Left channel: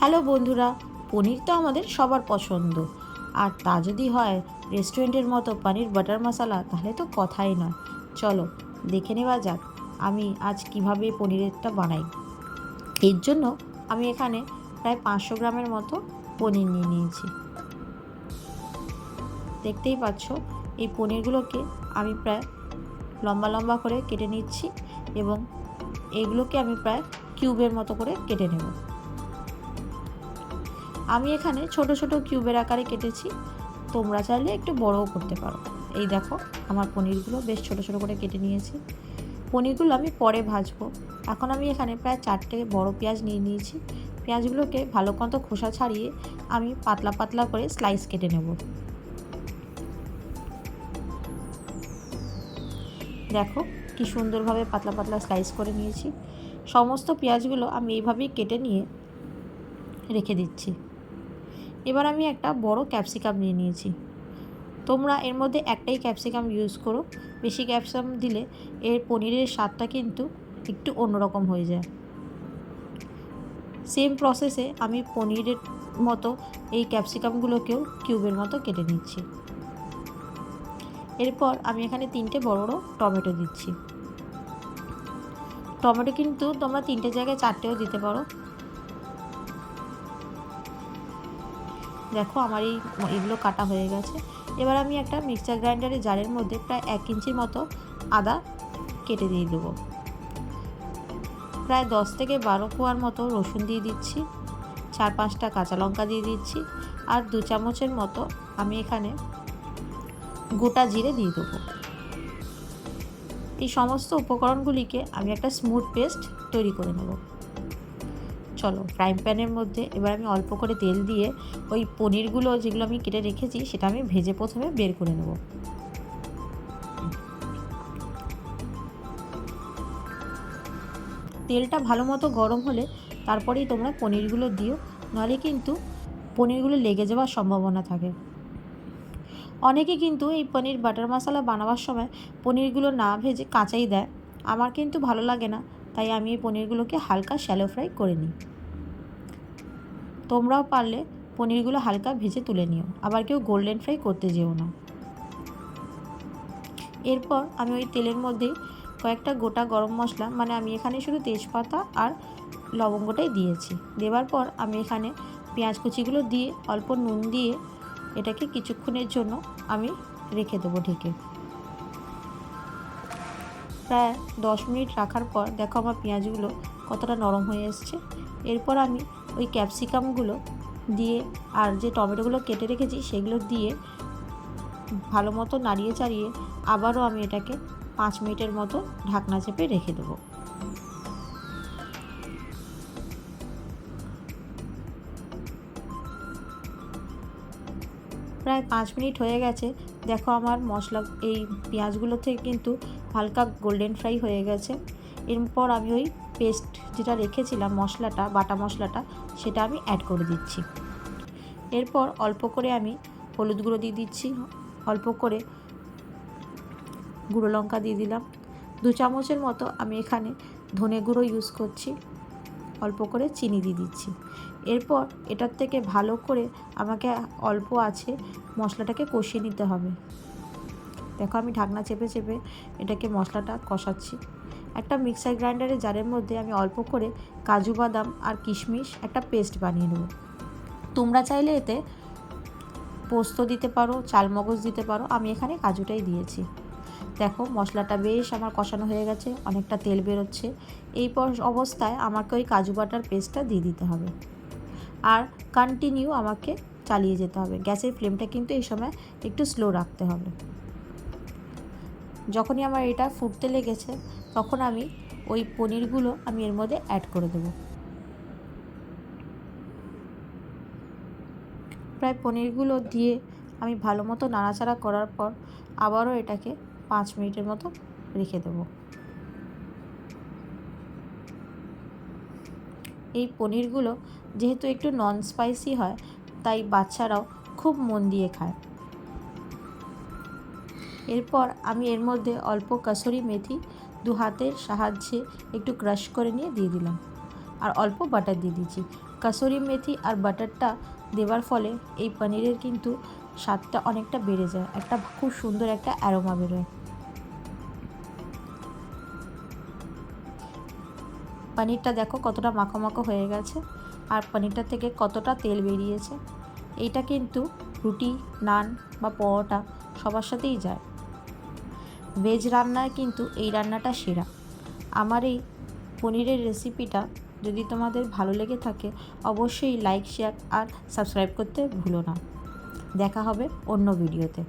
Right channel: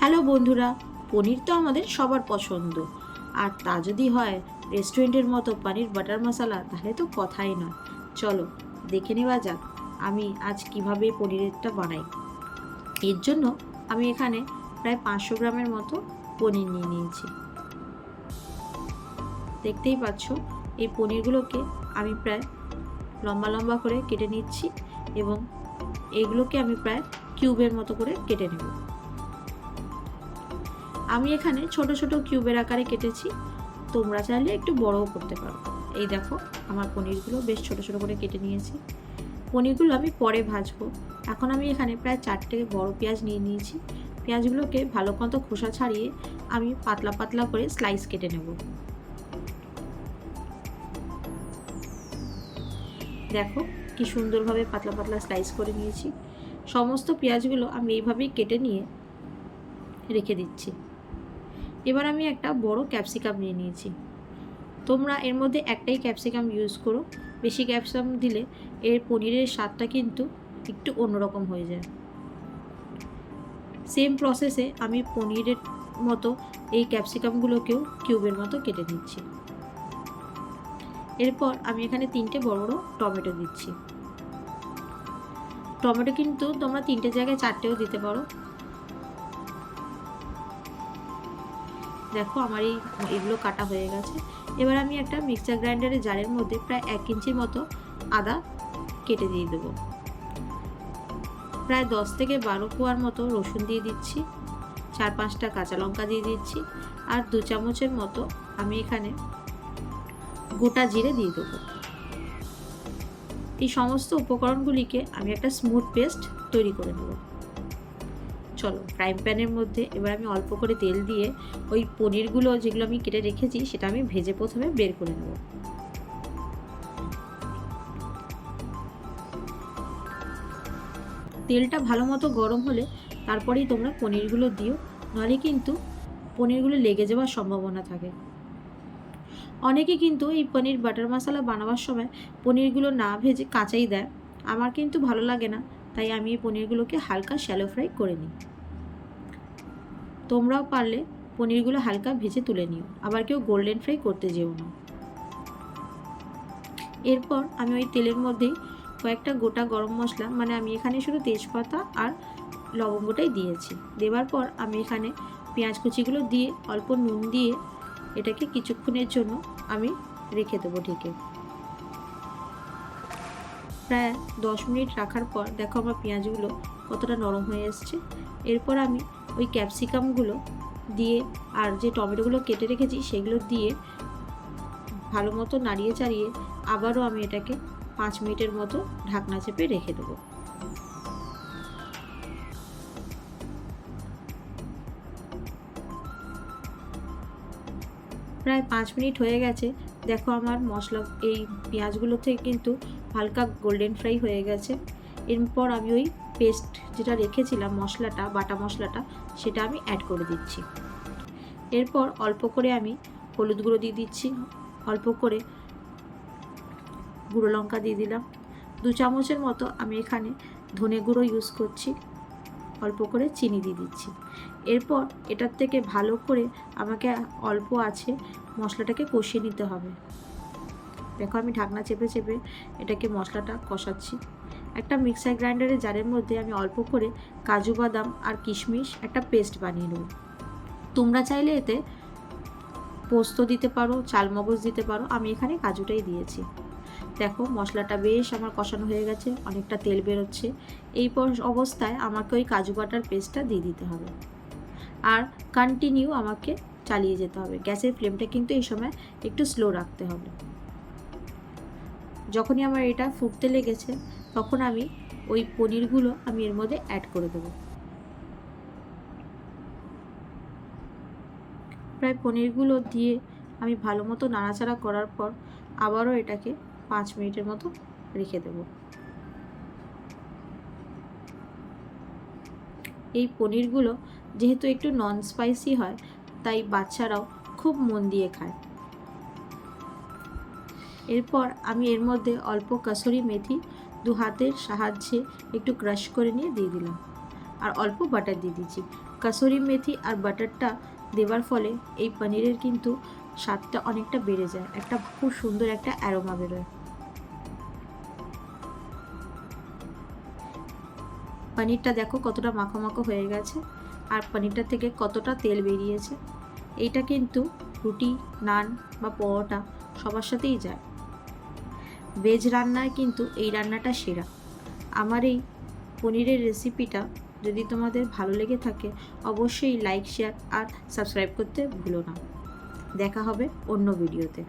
Hello বন্ধুরা, পনির তো আমাদের সবার পছন্দ। আর তা যদি হয় রেস্টুরেন্টের মতো পনির বাটার মশলা, তাহলে তো কথাই নয়। চলো দেখে নেওয়া যাক আমি আজ কিভাবে পনিরেরটা বানাই। এর জন্য আমি এখানে প্রায় 500 গ্রামের মতো পনির নিয়ে নিয়েছি। দেখতেই পাচ্ছ, এই পনিরগুলোকে আমি প্রায় লম্বা লম্বা করে কেটে নিচ্ছি এবং এগুলোকে আমি প্রায় কিউবের মতো করে কেটে নেব। আমি এখানে ছোট ছোট কিউবের আকারে কেটেছি, তোমরা চাইলে একটু বড়ও করতে পারো। এই দেখো, আমার পনিরগুলো বেশ ছোট ছোট করে কেটে নিয়েছি। পনিরগুলো আমি পরে ভাজবো। এখন আমি এখানে প্রায় 4টে বড় পেঁয়াজ নিয়ে নিয়েছি। পেঁয়াজগুলোকে ভালো মতো খোসা ছাড়িয়ে আমি পাতলা পাতলা করে স্লাইস কেটে নেব। দেখো কি সুন্দরভাবে পাতলা পাতলা স্লাইস করে নিয়েছি। সমস্ত পেঁয়াজগুলো আমি এইভাবেই কেটে নিয়ে রেখে দিচ্ছি। এবার আমি একটা বড় ক্যাপসিকাম নিয়ে নিয়েছি। তোমরা এর মধ্যে একটাই ক্যাপসিকাম ইউজ করো, বেশি ক্যাপসিকাম দিলে এর পনিরের স্বাদটা কিন্তু একটু অন্যরকম হয়ে যায়। সেম প্রসেসে আমি পনিরের মতো এই ক্যাপসিকামগুলোকেও কিউবের মতো কেটে নিচ্ছি। এরপর আমি এখানে 3টে বড় বড় টমেটো দিচ্ছি। টমেটো কিন্তু তোমরা 3টে জায়গায় 4টেও দিতে পারো। দেখো আমার এগুলো কাটা হয়ে গেছে। এবার আমি একটা মিক্সার গ্রাইন্ডারের জারের মধ্যে প্রায় 1 ইঞ্চির মতো আদা কেটে দিয়ে দেবো। প্রায় 10 থেকে 12 কোয়ার মতো রসুন দিয়ে দিচ্ছি, 4-5টা কাঁচা লঙ্কা দিয়ে দিচ্ছি, আর 2 চামচের মতো আমি এখানে গোটা জিরে দিয়ে দেবো। এই সমস্ত উপকরণগুলিকে আমি একটা স্মুথ পেস্ট তৈরি করে নেব। চলো ফ্রাইং প্যানের মধ্যে এবার আমি অল্প করে তেল দিয়ে ওই পনিরগুলো যেগুলো আমি কেটে রেখেছি সেটা আমি ভেজে প্রথমে বের করে নেব। তেলটা ভালো মতো গরম হলে তারপরেই তোমরা পনিরগুলো দিও, নাহলে কিন্তু পনিরগুলো লেগে যাওয়ার সম্ভাবনা থাকে। অনেকে কিন্তু এই পনির বাটার মশলা বানাবার সময় পনিরগুলো না ভেজে কাঁচাই দেয়। আমার কিন্তু ভালো লাগে না, তাই আমি এই পনিরগুলোকে হালকা শ্যালো ফ্রাই করে নিই। তোমরাও পারলে পনিরগুলো হালকা ভেজে তুলে নিও, আবার কেউ গোল্ডেন ফ্রাই করতে যেও না। এরপর আমি ওই তেলের মধ্যেই কয়েকটা গোটা গরম মশলা, মানে আমি এখানে শুধু তেজপাতা আর লবঙ্গটাই দিয়েছি। দেওয়ার পর আমি এখানে পেঁয়াজ কুচিগুলো দিয়ে অল্প নুন দিয়ে এটাকে কিছুক্ষণের জন্য আমি রেখে দেবো ঢেকে। প্রায় 10 মিনিট রাখার পর দেখো আমার পেঁয়াজগুলো কতটা নরম হয়ে এসছে। এরপর আমি ওই ক্যাপসিকামগুলো দিয়ে আর যে টমেটোগুলো কেটে রেখেছি সেগুলো দিয়ে ভালো মতো নাড়িয়ে চাড়িয়ে আবারও আমি এটাকে 5 মিনিটের মতো ঢাকনা চেপে রেখে দেবো। প্রায় 5 মিনিট হয়ে গেছে। দেখো আমার মশলা এই পেঁয়াজগুলো থেকে কিন্তু হালকা গোল্ডেন ফ্রাই হয়ে গেছে। এরপর আমি ওই পেস্ট যেটা রেখেছিলাম মশলাটা, বাটা মশলাটা, সেটা আমি অ্যাড করে দিচ্ছি। এরপর অল্প করে আমি হলুদ গুঁড়ো দিয়ে দিচ্ছি, অল্প করে গুঁড়ো লঙ্কা দিয়ে দিলাম, 2 চামচের মতো আমি এখানে ধনে গুঁড়ো ইউজ করছি, অল্প করে চিনি দিয়ে দিচ্ছি। এরপর এটার থেকে ভালো করে আমাকে অল্প আছে মশলাটাকে কষিয়ে নিতে হবে। দেখো আমি ঢাকনা চেপে চেপে এটাকে মশলাটা কষাচ্ছি। একটা মিক্সার গ্রাইন্ডারের জারের মধ্যে আমি অল্প করে কাজু বাদাম আর কিশমিশ একটা পেস্ট বানিয়ে নেব। তোমরা চাইলে এতে পোস্ত দিতে পারো, চালমগজ দিতে পারো, আমি এখানে কাজুটাই দিয়েছি। দেখো মশলাটা বেশ আমার কষানো হয়ে গেছে, অনেকটা তেল বেরোচ্ছে। এই অবস্থায় আমাকে ওই কাজু বাটার পেস্টটা দিয়ে দিতে হবে আর কন্টিনিউ আমাকে চালিয়ে যেতে হবে। গ্যাসের ফ্লেমটা কিন্তু এই সময় একটু স্লো রাখতে হবে। যখনই আমার এটা ফুটতে লেগেছে তখন আমি ওই পনিরগুলো আমি এর মধ্যে অ্যাড করে দেবো। প্রায় পনিরগুলো দিয়ে আমি ভালো মতো নাড়াচাড়া করার পর আবারও এটাকে 5 মিনিটের মতো রেখে দেবো। এই পনিরগুলো যেহেতু একটু নন স্পাইসি হয়, তাই বাচ্চারাও খুব মন দিয়ে খায়। এরপর আমি এর মধ্যে অল্প কসুরি মেথি 2 হাতের সাহায্যে একটু ক্রাশ করে নিয়ে দিয়ে দিলাম আর অল্প বাটার দিয়ে দিচ্ছি। কাসুরি মেথি আর বাটারটা দেওয়ার ফলে এই পনিরের কিন্তু স্বাদটা অনেকটা বেড়ে যায়, একটা খুব সুন্দর একটা অ্যারোমা বেরোয়। পনিরটা দেখো কতটা মাখো মাখো হয়ে গেছে, আর পনিরটা থেকে কতটা তেল বেরিয়েছে। এইটা কিন্তু রুটি, নান বা পরোটা সবার সাথেই যায়। ভেজ রান্নায় কিন্তু এই রান্নাটা সেরা। আমার এই পনিরের রেসিপিটা যদি তোমাদের ভালো লেগে থাকে অবশ্যই লাইক, শেয়ার আর সাবস্ক্রাইব করতে ভুলো না। দেখা হবে অন্য ভিডিওতে।